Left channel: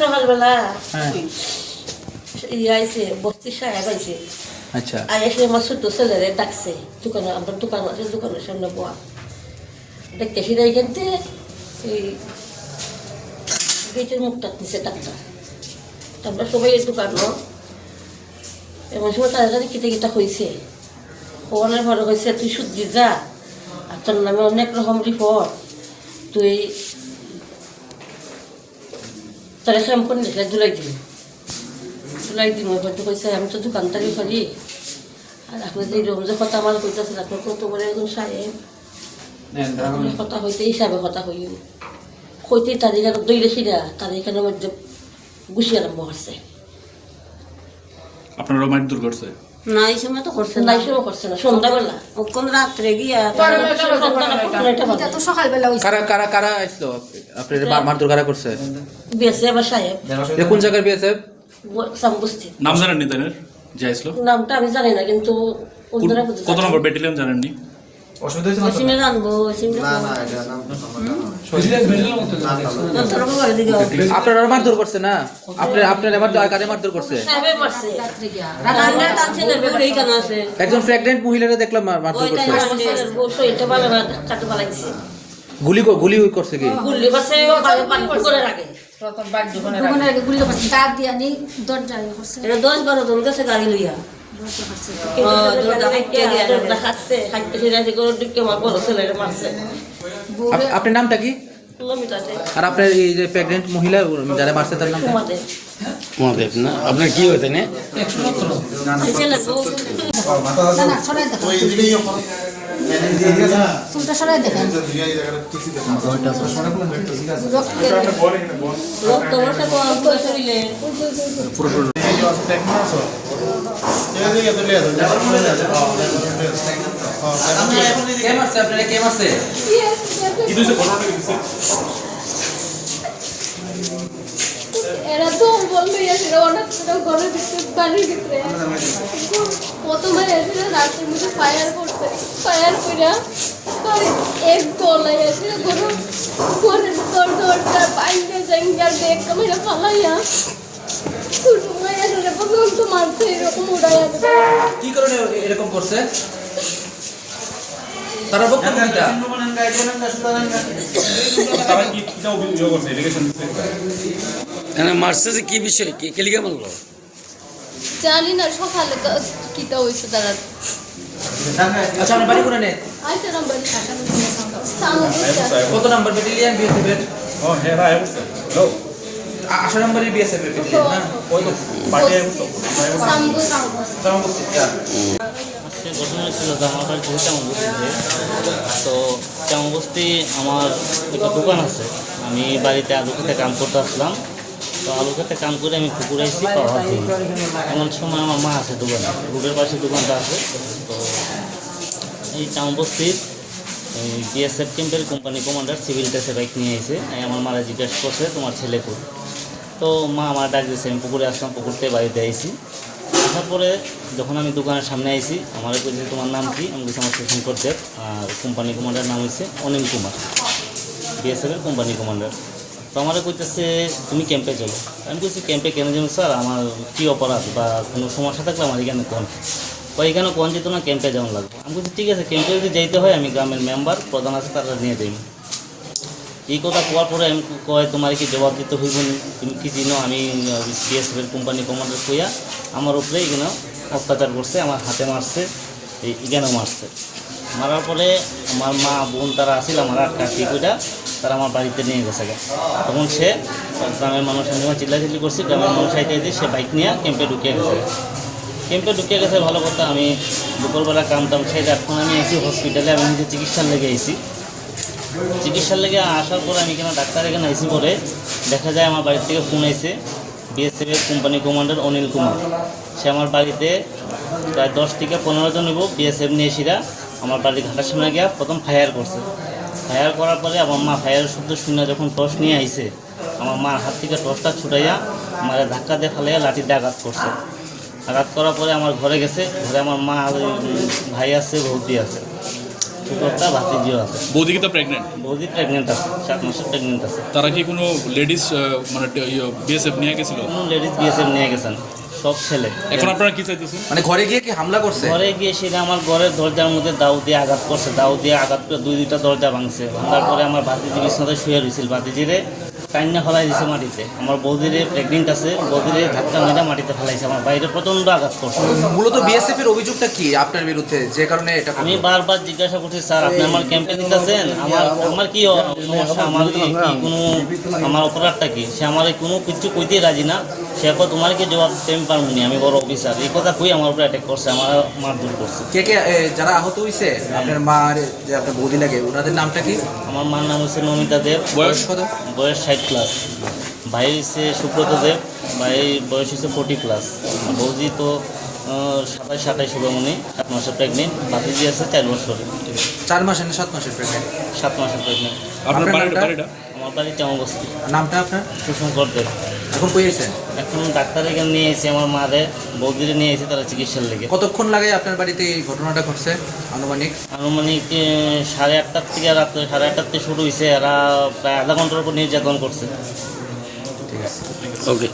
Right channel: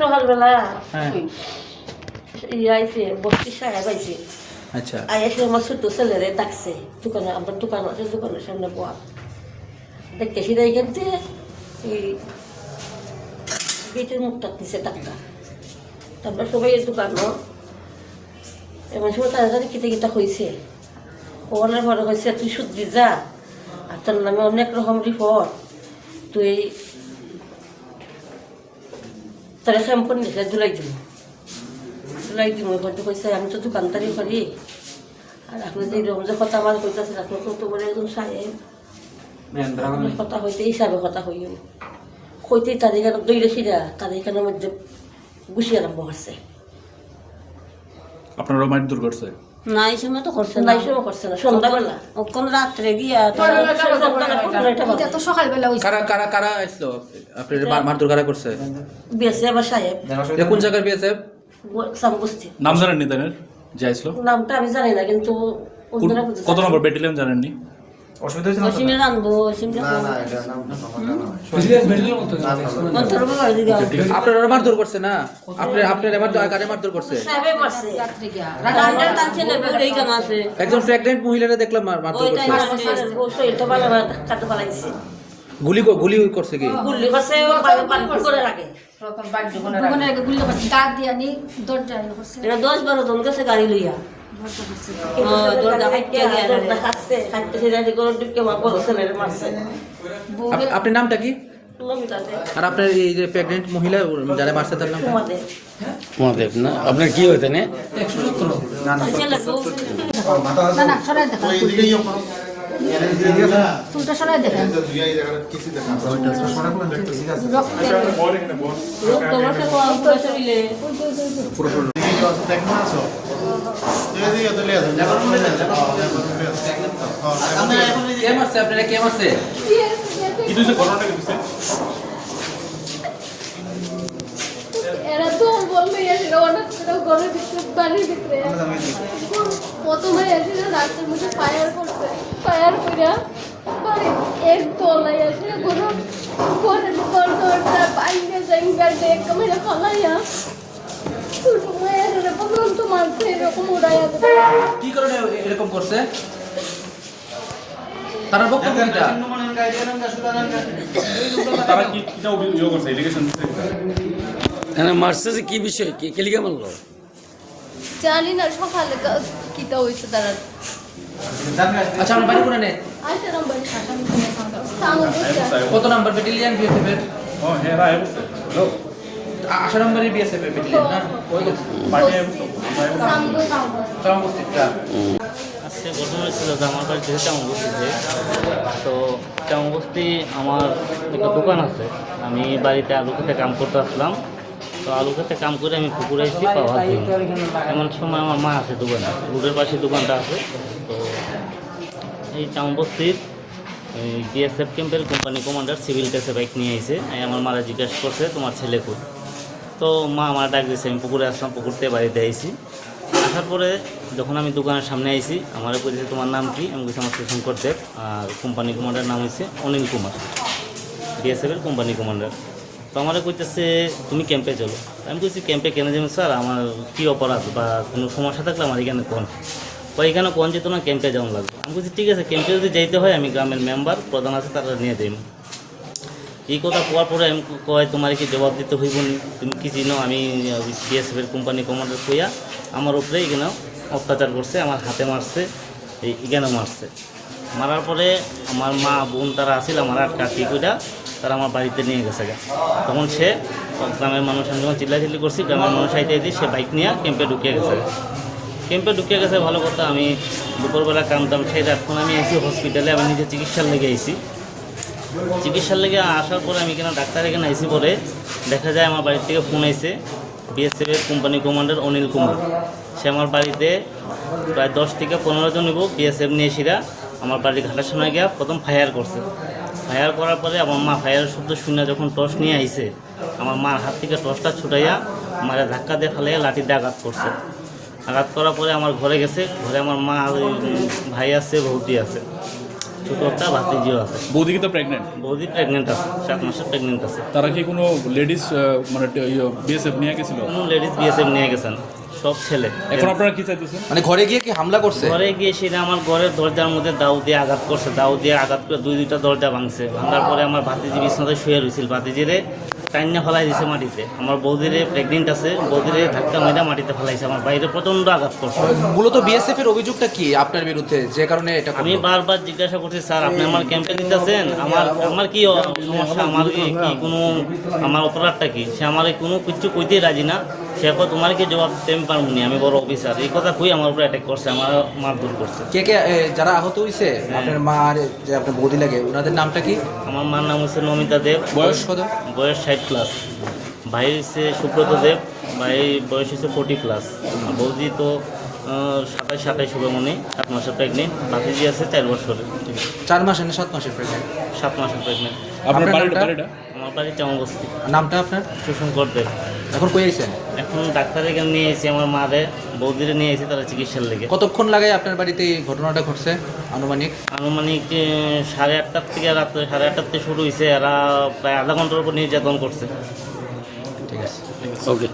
সকালবেলা আইসে বস্তি সাহেব আইসে। আচ্ছা, আইসে আমার ছোট ছেলেরে ডাকছে দোকানে, আমার দোকান আছে, দোকানের সামনে বয়া দেখতে সেটা এখান থেকে এই গেটের মুখটা নিচে ডাক্তার। তারপর সবাই দোকানও এমন সময় তাদের কাছে কিতা কিতা হয়েছে, খবরের বড় হয়েছে তুই সত্যি যা, আর তোর নামে অনেক রকম রিপোর্ট, তুই তারা শ্যাম্পন দিলে ধুলাই দিম হয়তো কইছে আমি তো দোকানদারি করি, আর আপনার যে রমজা কথা আমার কইতেছে আপনার কত বড় একজন সাহেব, আপনার কথা হইতে হিসাবে কথা হইও হইতেই তাদের দইলে সিরা তাদের এখানের মধ্যে গুছি আরম্ভ করছে। আপনারা মারধর করছে? না এই সময় তো করছে না, নাই সময় করছে না, সন্ধ্যাবেলা কোন রাত্রে গিয়া তো সকালবেলা কারা কারা কারা আসলো আপনার মারধর কারা করছে? বিয়েছে আবার সাহেব। কোন জায়গার বিএসএফ? সামবস্তি। নাম জানেননি তাদের যে আসলো? নামটা আমি জানি না, কিন্তু কত নম্বর ব্যাটালিয়ন জানেননি? অসীমে জানবো, অসীমে আপনারা মারধর করছে না? আপনার কারে মারধর করছে? একজন প্রেগন্যান্ট মহিলারে দেখলাম মারধর করছে। গুলি করছে কি? এটা 10-12 জন গেছে গাড়ি লইয়া। আপনার নামটা কি? আর আপনার এই যে প্রেগন্যান্ট মহিলা যারা মারছে তার নাম? মহাদেব না? আপনার কি হইতে না? কি দিছে ঘটনাটা কি দিছে? এরা তো বললো এসে অনেক ঘরের ভিতরে বাড়ির ভিতরে প্রথমে এসে রাত্রির মধ্যে ফায়ার করছে, ফায়ার করিয়া এক দলাই এসে কোনো ঘরের দরজা বাইরে জাঙ্গার দেখতে মেরে ফালাইয়া ছোট মেয়ের পর্যন্ত মারছে, এরকম উড়াইয়া। কি কারণে এরকম করছে? তারা বক্তব্য কিটা? তারা কি কিটা অভিযোগ করছে? এলিগেশন দিছে? হ্যাঁ, মারছে যে কি বিষয়, কি কেলিকা বললো? জানি না, সকালে তো কিটা হয়েছে তারা। আচ্ছা, আমার বাড়ি কোনে নেই? আচ্ছা নাম্বার কত নাম্বার ব্যাটালিয়ন বিএসএফ এর? ও হ্যাঁ রাই বলছে। হ্যালো 8 নম্বরের বিএসএফ এর ব্যাটালিয়ন না? কই তো পার্টি আইবো চামবস্তিটা। আজকে ঘটনা হয়েছিল যে আমার বাড়ি বহু চামবস্তিতে। তো চামবস্তি আমার একটা দোকান আছে, আমি বাড়িতে আলু খেতে কাম করতে আসলাম। তো আলু খেতে কাম করে আমি পুকুরে এসেছি পাওয়া যায়। এমন সময় আমার মা আছে দোকানে, রোডের পাশে দোকানটা আছে। তো এই চামবস্তির বিএসএফ ক্যাম্পের কোম্পানি কমান্ডার সিভিল ড্রেসে বাইক নিয়ে এসে আমার মারা জিজ্ঞাসা করছে তোমার ছেলে কই। তো মা আমার ডাক দিয়েছে, আমি পুকুরে আসলাম, পুকুরতে বাড়িতে আইসি। আসার পরে যখন আমি দোকানের সামনে আইসি, আমার কইছে তোমার নাম কি? আমি বলছি আমার স্টেশন করতে। আর কোম্পানি কমান্ডার নাম হচ্ছে অনিল কুমার, বিএসএফের কোম্পানি কমান্ডার। তো আমার কইতেছে তুমি ক্যাম্পে চলো। আমি বলছি ক্যাম্পে কেন যাবো স্যার, আমার কী অপরাধ বা কোনো সমস্যা থাকলে আমার এখানে কোন ওইখানে কোন যেত না, ক্যাম্পে যেমন লাগবে। আমি বলছি ঠিক আছে, ক্যাম্পে যদি যেতে হয় আমি গ্রামের মেম্বার প্রধান আছে তারা নিয়ে যাই। এই কথা কোয়ার পরে আমি কয় তোমার কি জবাব দিতে হইব, তুমি কি চিনো আমি বিএসএফের কোম্পানি কমান্ডার কইয়া আমার উপরে এখানে অত্যাচার করছে, আমার হাতে মারছে, এখানেও মারছে। মারার পরে আমার মা বোন তারা আসছিল আমার আটকাটি কইরা তারা আমার বাড়িতে নিয়ে গেছে। তখন সে গ্রামের মানুষের জন্য চিল্লাচিল্লি করছি, গ্রামের মানুষ আইতে আইতে সে বাইক নিয়ে ক্যাম্পে ঢুকিয়ে গেছে। ক্যাম্পে ঢুকিয়ে গেছে ভালো কথা, আমি দুপুরবেলা কাম টাম সেই এখন আমি এসি হসপিটালে, আমি নিজে চিকিৎসার লেগে আইসি। চিকিৎসার লেগে আসার পরে আমি এখানে ডাক্তার এখানে আইসি বলে দেখা যায় আমার বাড়ির থেকে ফোন আইসে বিএসএফের কোম্পানি কমান্ডার অনিল কুমার। সে আমার বাড়িতে প্রায় 10 থেকে 15 জন নিব বিএসএফ নিয়ে এসিরা আমার বাড়ির ঘাটার সামনে গিয়া প্রথম ফায়ার করছে। ফায়ার করার পরে আমার মা ফায়ারের শব্দ শুনে যখন টর্চ নিয়ে আইসে, আমার মার হাত থেকে টর্চটা ছুটাইয়া আমার ধাক্কা দিয়ে ফেলাইয়া লাঠি দিয়ে আঘাত করছে। আঘাত করার পরে আমার ঘরে গেছে, ঘরে আমার মা আর ভাই আছে, বৌদি আছে, ছোটো একটা ভাতিজিও আছে। বৌদি কি তো প্রেগনেন্ট? বৌদি প্রেগনেন্ট আছে, 7 মাসের প্রেগনেন্ট আছে। তারা কি কোনো লেডিস মানে বিএসএফ নিয়ে গেছিল? কোনো লেডিস বিএসএফ নিয়ে গেছেন, সব ছেলে। এখন আপনারা কি চাইতেছেন? মানে ঘরে গিয়ে কি হামলা করছে? ঘরে গিয়ে সেটা আমার ঘরের দরজার মধ্যে দাউ দিয়ে আঘাত করছে, দাউ দিয়ে আঘাত করে দুইটা দরজা ভাঙছে। ভাঙার পরে আমার ভাতিজি বিছনাতে শুয়ে রয়েছিল, ভাতিজিরে টাইনে ফেলাই দিয়েছে মাটিতে। আমার বৌদিরে প্রেগনেন্ট আছে, বৌদিরে ধাক্কা মেয়েটা মাটিতে ফেলাইছে, আমার বাইরে প্রচণ্ড আঘাত করছে। মূলত বিএসএফ এর অভিযোগটা কি আপনার বিরুদ্ধে, যে কারণে এটা আমি বারবার জিজ্ঞাসা করছি, স্যার আপনি আমার ক্যাম্পে দিতেছেন, আমার কি সমস্যা, আমার কি কোনো আমার অপরাধটা কি? সে আমার কোনো কিছু কইতেই রাজি না। সে এখন তোমার কি জবাব দিতে আমি পারবো না, আমি বড় অফিসার, এই কথা কই আমার উপরে অ্যাটাক করছে, আমার মারধর করছে। কে কে যারা আহত হয়েছে আপনার মা আর যে আপনার বৌদি লাগে, ওনাদের নামটা কি? আমার মার নাম হচ্ছে নমিতা দেব, বয়স কত? বয়স 60+। ভাই হচ্ছে সুব্রত দেব, ভাই বয়স হচ্ছে 40+। আর বৌদি তো 27 শুভমণি, 7 মাসের প্রেগনেন্ট। ভাতিজি আছে 4 বছরের, 4 মাস না 7 মাসের প্রেগনেন্ট? 7 মাসের প্রেগনেন্ট। আপনার আপনার বাড়িটা? নামটা? আমার বাড়ি চামবস্তি। নামটা আপনার? সুশঙ্কর দেব। এখন কই আছেন? এখন ডাক্তার এখানে নিয়ে এসেছি, আমার মারে বৌদিরে নিয়ে এসেছি তারা চিকিৎসার লেগে। কতক্ষণ লাগে আপনার বাড়িতে এই ঘটনাটা ঘটছে আনুমানিক? আনুমানিক 8:30 থেকে রাত্রে 8:30 থেকে শুরু হয়েছে, এরা প্রায় আধা ঘন্টার উপর নির্যাতন করছে। ঠিক আছে। ওকে।